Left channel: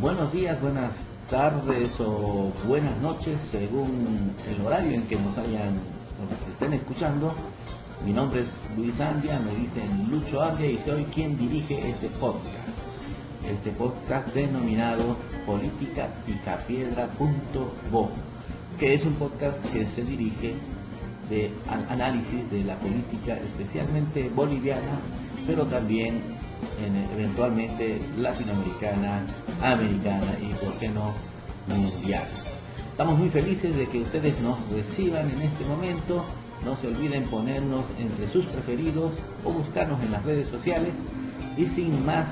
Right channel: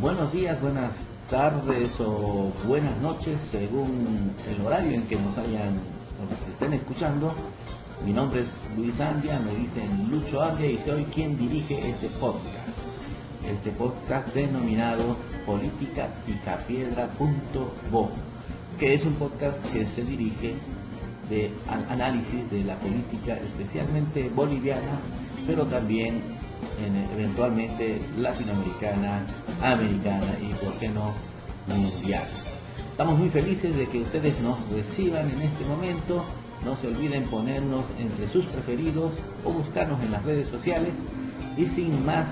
Buenos días, buenas tardes o buenas noches según el horario en que nos estén escuchando. Mi nombre es Luis Andia, me dicen Lucho Andia y soy quien dirige este podcast denominado politicapicapiedra.bo, que es un podcast que se dirige al análisis de la política especialmente boliviana, pero también eventualmente latinoamericana, americana y por qué no mundial. Estamos muy felices de que ustedes nos reciban en este momento. No se olviden ponernos entre sus preferidos o buscarnos en las redes sociales. Y sin más,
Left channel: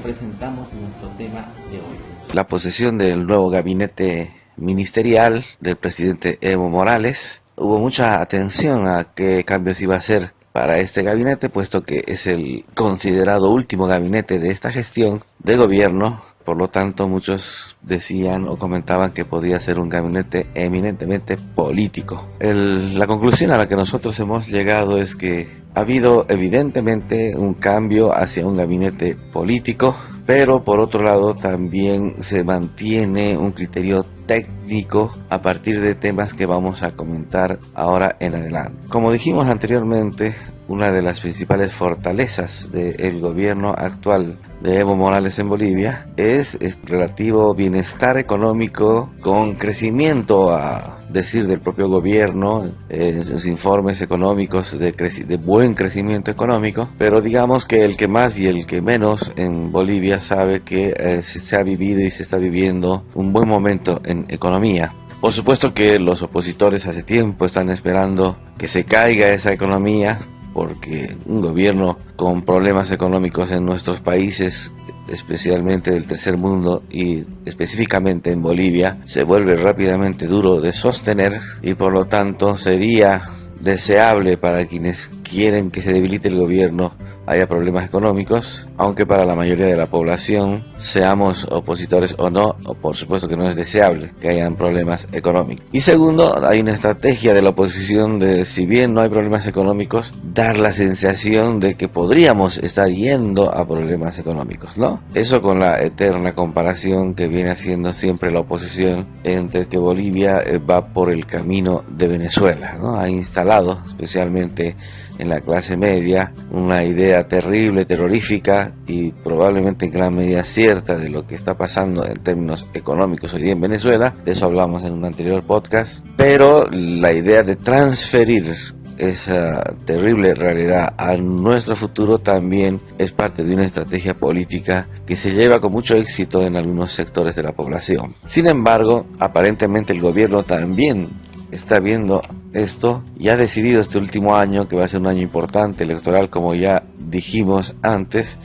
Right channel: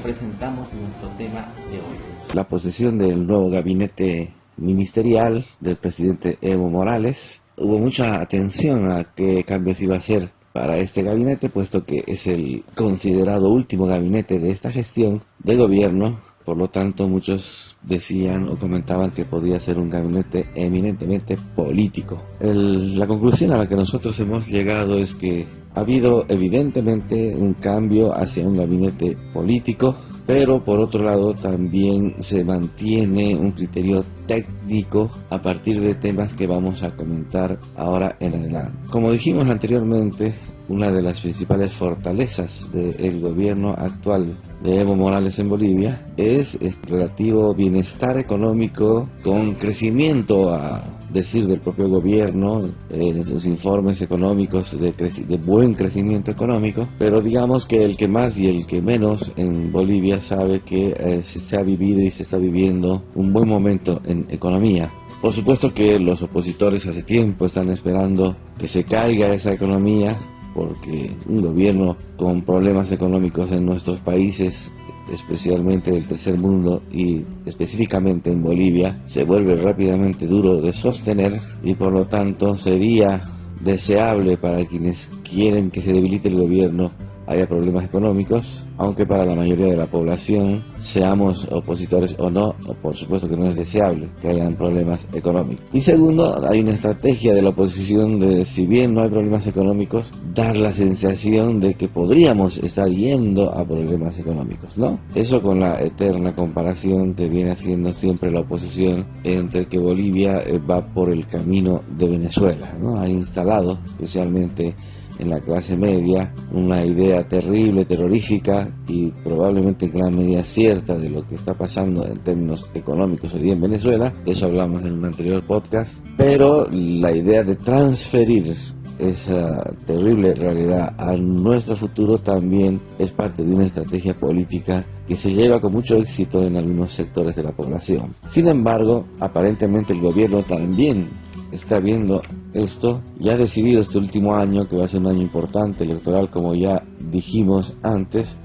presentamos nuestro tema de hoy. La posesión del nuevo gabinete ministerial del presidente Evo Morales. Hubo mucha atención a qué cambios iba a hacer para este gabinete, puesto que es el considerado último gabinete de esta gestión de gobierno. Por lo tanto, muchos decían o comentaban que podía ser un gabinete eminentemente político. La conclusión a la que nosotros hemos llegado es que ha habido evidentemente un cambio hacia un gabinete político, pero por otro lado también se mantiene un criterio técnico a partir de temas que vamos a comentar ahora en adelante. Como dijimos anteriormente, una de las principales fortalezas del gobierno actual de Evo Morales en Bolivia es relativo bienestar económico con crecimiento, a decir del propio gobierno, en sus informes económicos de buen crecimiento económico, pero digamos que el que más y el que menos en Bolivia sabe que se ha vivido y se está viviendo un buen momento en economía. Por supuesto que los opositores hace tiempo están esperando que se caiga esa economía, porque un gobierno con problemas económicos en nuestros países, especialmente del tercer mundo y específicamente en Bolivia, se vuelve rápidamente duro de sostener y por lo tanto sería deseable para quienes quieren que se debilite el gobierno haya problemas económicos, aunque para la mayoría de la población, seamos opositores o no, por supuesto que no es deseable que hayan problemas económicos. Y segundo, hay una estrategia de la oposición de, si bien no hay problemas económicos, dar la sensación de que podríamos estar yendo a problemas económicos, ¿no? Eso con la eterna comparación que viene haciendo siempre la oposición entre que Bolivia va por el camino de Venezuela, ¿no? Ha instalado, especialmente en la clase media, una idea terrible, terrorífica y probablemente en gran medida cierta de lo que está pasando en términos económicos hoy día en Venezuela. De eso hablamos en un anterior podcast, pero la idea de transferir esa terrible realidad a nuestro futuro también es parte de una estrategia política que se lleva con mucho éxito en algunos sectores de la población. Sin embargo, aparentemente el gobierno también está viendo esto y ha decidido este último año, que va a ser un año importante electoral, como ya dijimos antes,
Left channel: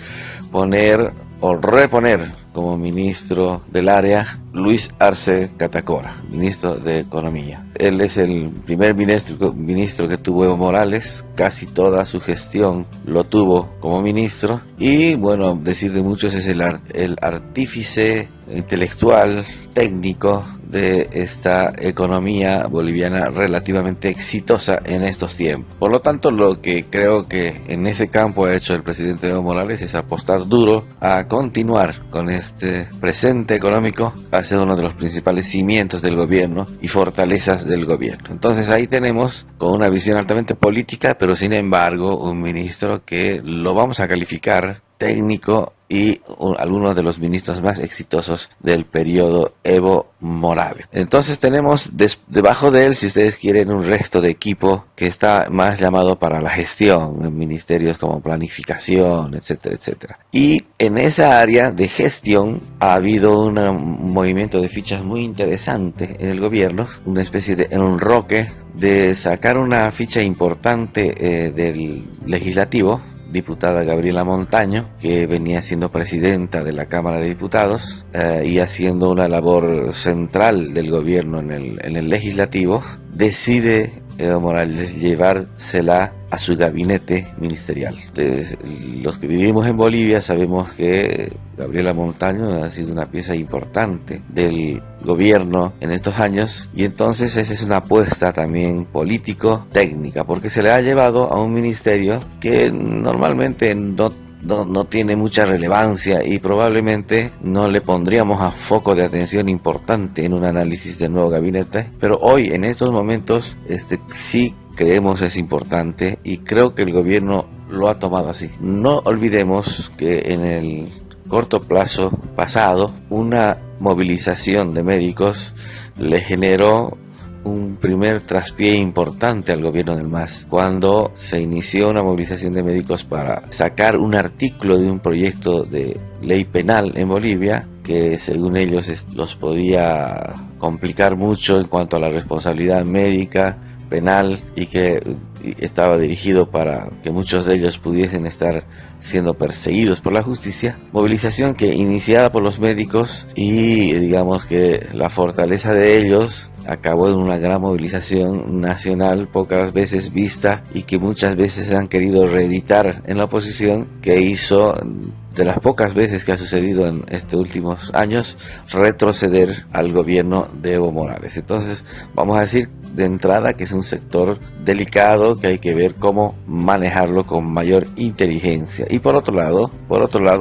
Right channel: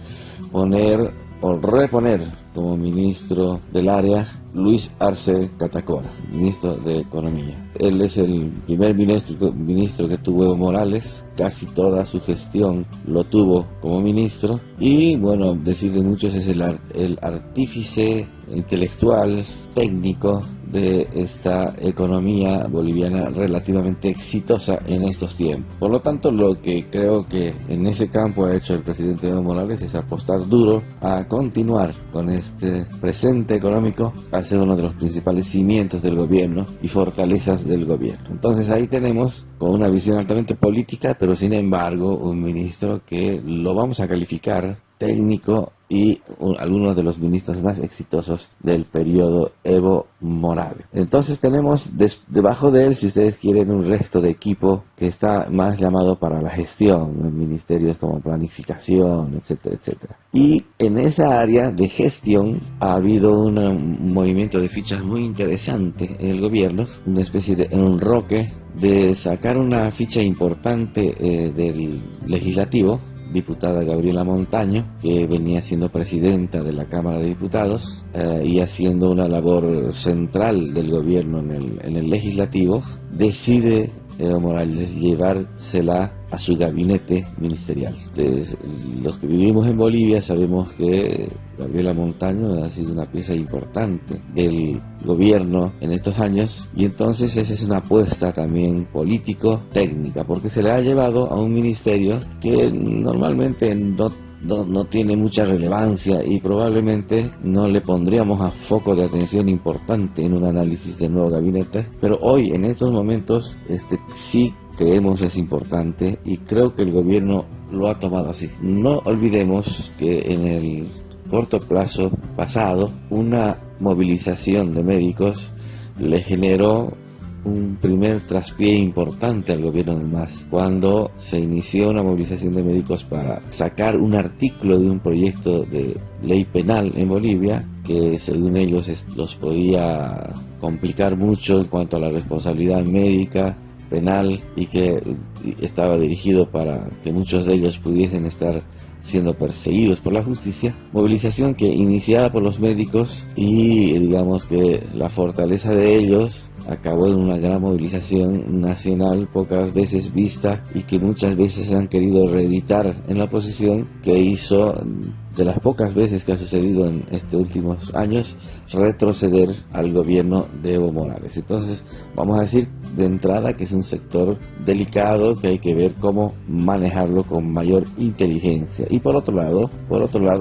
poner o reponer como ministro del área Luis Arce Catacora, ministro de Economía. Él es el primer ministro que tuvo Evo Morales, casi toda su gestión lo tuvo como ministro y bueno, decir de muchos es el artífice intelectual, técnico de esta economía boliviana relativamente exitosa en estos tiempos. Por lo tanto, lo que creo que en ese campo ha hecho el presidente Evo Morales es apostar duro a continuar con este presente económico, a ser uno de los principales cimientos del gobierno y fortalezas del gobierno. Entonces ahí tenemos con una visión altamente política, pero sin embargo un ministro que lo vamos a calificar técnico y algunos de los ministros más exitosos del periodo Evo Morales. Entonces tenemos debajo de él, si ustedes quieren, un resto de equipo que está más llamado para la gestión, en ministerios como planificación, etcétera, etcétera. Y en esa área de gestión ha habido un movimiento de fichas muy interesante en el gobierno, una especie de enroque de sacar una ficha importante del legislativo, diputada Gabriela Montaño, que venía siendo presidenta de la Cámara de Diputados y haciendo una labor central del gobierno en el legislativo, decide Evo Morales llevársela a su gabinete ministerial. Entonces, los que vivimos en Bolivia sabemos que Gabriela Montaño ha sido una pieza importante del gobierno en estos años, y entonces esa es una apuesta también político-técnica, porque se le ha llevado a un ministerio que normalmente no tiene mucha relevancia y probablemente no le pondríamos a foco de atención importante en un análisis del nuevo gabinete, pero hoy en estos momentos sí creemos es importante, y creo que el gobierno lo ha tomado así. No olvidemos que en el corto plazo pasado una movilización de médicos le generó un primer traspié importante al gobierno del MAS, cuando se inició una movilización de médicos para sacar un artículo de un proyecto de ley penal en Bolivia que según ellos los podía complicar mucho en cuanto a la responsabilidad médica penal, y que estaba dirigido para que muchos de ellos pudiesen estar siendo perseguidos por la justicia. Movilización que iniciada por los médicos, y digamos que la fortaleza de ellos acabó en una gran movilización nacional pocas veces vista, y que muchas veces han querido reeditar en la oposición, que hizo, de las pocas veces que ha sucedido en estos últimos años, retroceder al gobierno de Evo Morales. Entonces vamos a decir de entrada que es un sector delicado, que hay que ver cómo manejarlo con mayor inteligencia. Y por otro lado,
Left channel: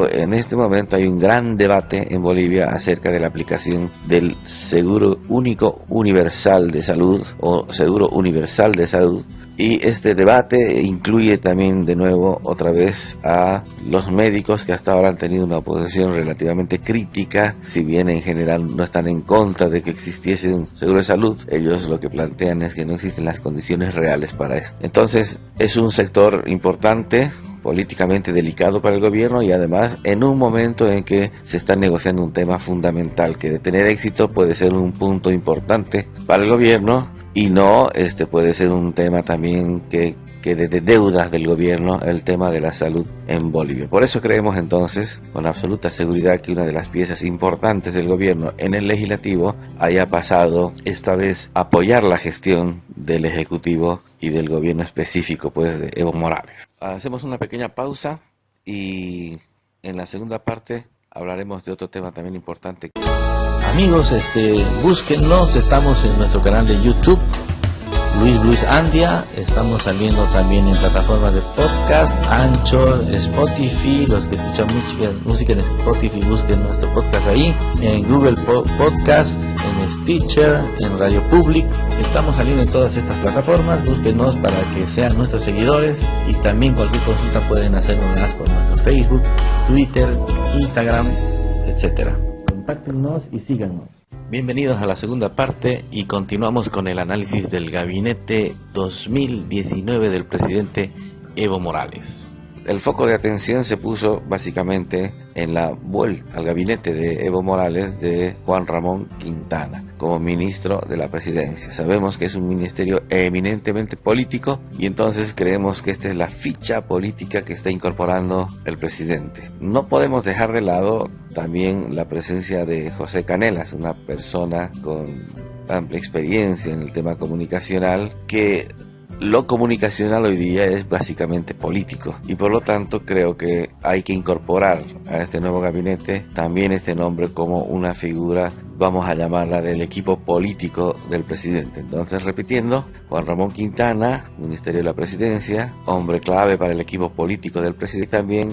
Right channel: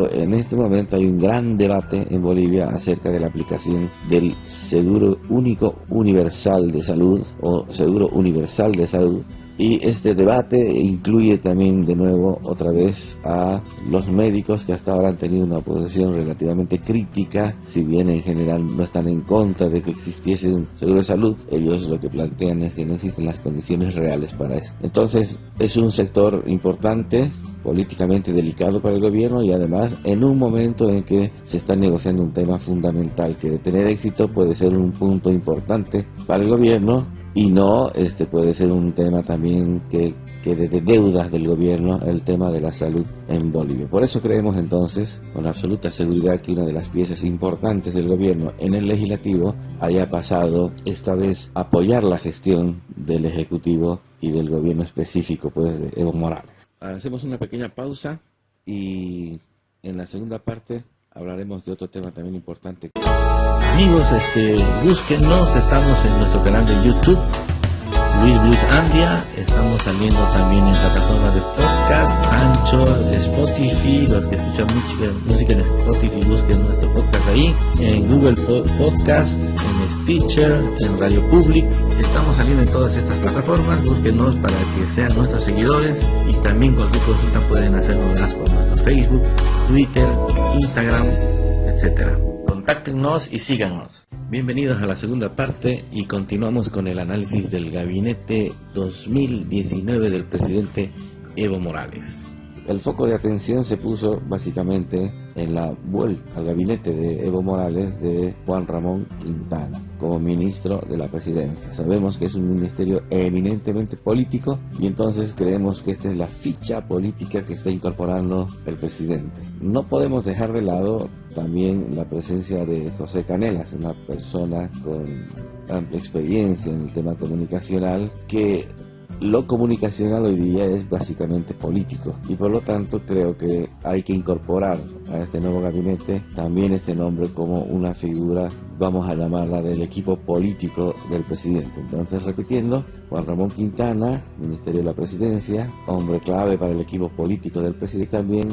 en este momento hay un gran debate en Bolivia acerca de la aplicación del Seguro Único Universal de Salud, o Seguro Universal de Salud, y este debate incluye también de nuevo otra vez a los médicos, que hasta ahora han tenido una posición relativamente crítica. Si bien en general no están en contra de que existiese un seguro de salud, ellos lo que plantean es que no existen las condiciones reales para esto. Entonces es un sector importante, políticamente delicado para el gobierno, y además en un momento en que se está negociando un tema fundamental, que de tener éxito puede ser un punto importante para el gobierno, y no puede ser un tema también que de deudas del gobierno, el tema de la salud en Bolivia. Por eso creemos entonces con absoluta seguridad que una de las piezas importantes del gobierno en el legislativo haya pasado esta vez a apoyar la gestión del ejecutivo y del gobierno específico, pues, de Evo Morales. Hacemos una pequeña pausa y en la segunda parte hablaremos de otro tema también importante. Amigos, búsquennos, estamos en nuestro canal de YouTube, Luis Blues Anglia, estamos saliendo también en plataformas de podcast, Anchor, Spotify, los que escuchan música en Spotify, busquen nuestro podcast ahí, en Google Podcast, en Stitcher, en Radio Public. Estamos saliendo en todas estas plataformas, búsquenos para que sean nuestros seguidores, y también cualquier consulta pueden hacernos por nuestro Facebook, Twitter, Instagram, etcétera. Contáctenos y síganos. Bienvenidos a la segunda parte, y continuamos con el análisis del gabinete 2019 del presidente Evo Morales. El foco de atención se puso básicamente en la vuelta al gabinete de Evo Morales de Juan Ramón Quintana como ministro de la presidencia. Sabemos que es un ministerio eminentemente político, y entonces creemos que esta es la ficha política que está incorporando el presidente. No podemos dejar de lado también la presencia de José Canelas, una persona con amplia experiencia en el tema comunicacional, que lo comunicacional hoy día es básicamente político, y por lo tanto creo que hay que incorporar a este nuevo gabinete también este nombre como una figura, vamos a llamarla, del equipo político del presidente. Entonces, repitiendo, Juan Ramón Quintana, Ministerio de la Presidencia, hombre clave para el equipo político del presidente, también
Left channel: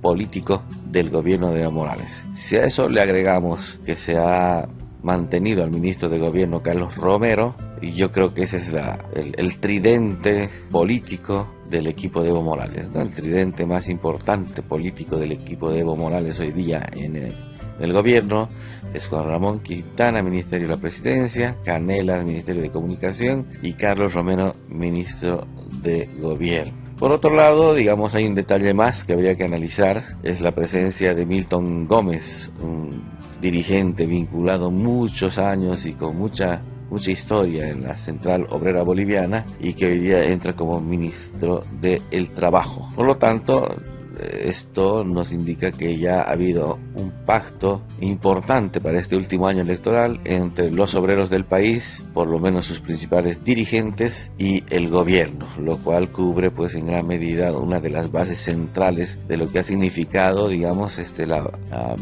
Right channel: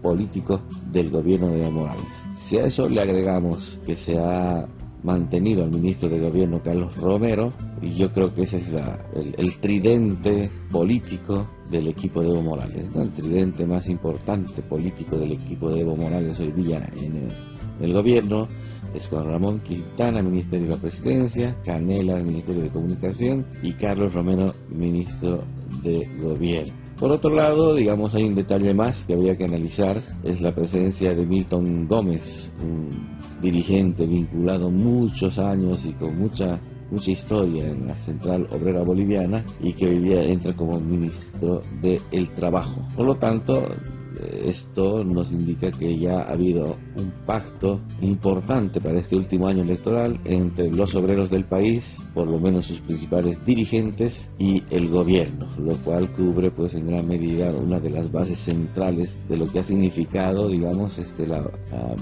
político del gobierno de Evo Morales. Si a eso le agregamos que se ha mantenido al ministro de Gobierno Carlos Romero, y yo creo que ese es el tridente político del equipo de Evo Morales, ¿no? El tridente más importante político del equipo de Evo Morales hoy día en el gobierno es Juan Ramón Quintana, Ministerio de la Presidencia, Canelas, Ministerio de Comunicación, y Carlos Romero, Ministro de Gobierno. Por otro lado, digamos, hay un detalle más que habría que analizar, es la presencia de Milton Gómez, un dirigente vinculado muchos años y con mucha historia en la Central Obrera Boliviana, y que hoy día entra como ministro del Trabajo. Por lo tanto, esto nos indica que ya ha habido un pacto importante para este último año electoral entre los obreros del país, por lo menos sus principales dirigentes, y el gobierno, lo cual cubre pues en gran medida una de las bases centrales de lo que ha significado, digamos, la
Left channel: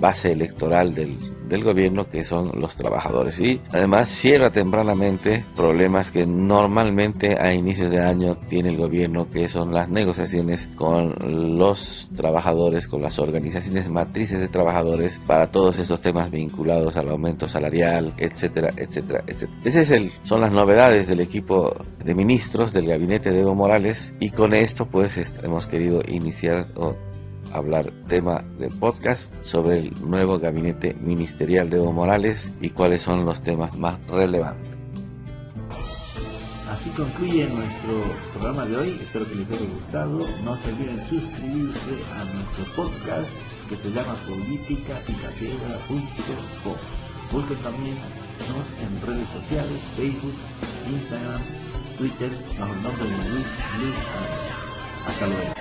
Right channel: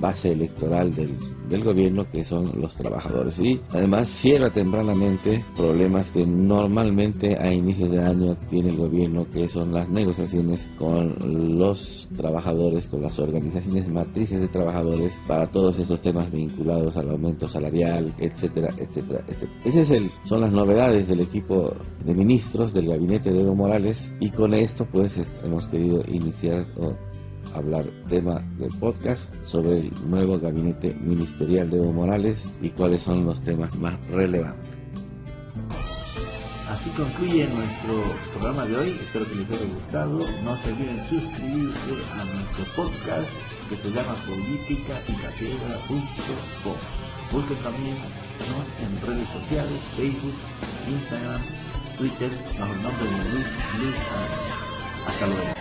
base electoral del gobierno, que son los trabajadores. Y además cierra tempranamente problemas que normalmente a inicios de año tiene el gobierno, que son las negociaciones con los trabajadores, con las organizaciones matrices de trabajadores, para todos esos temas vinculados al aumento salarial, etcétera, etcétera, etcétera. Esas son las novedades del equipo de ministros del gabinete de Evo Morales, y con esto pues hemos querido iniciar hablar tema de podcast sobre el nuevo gabinete ministerial de Evo Morales y cuáles son los temas más relevantes. Así concluye nuestro programa de hoy. Espero que les haya gustado. No se olviden suscribirse a nuestro podcast, que se llama politicaycatedra.com. Busquen también en redes sociales, Facebook, Instagram, Twitter, bajo el nombre de Luis. Hasta luego.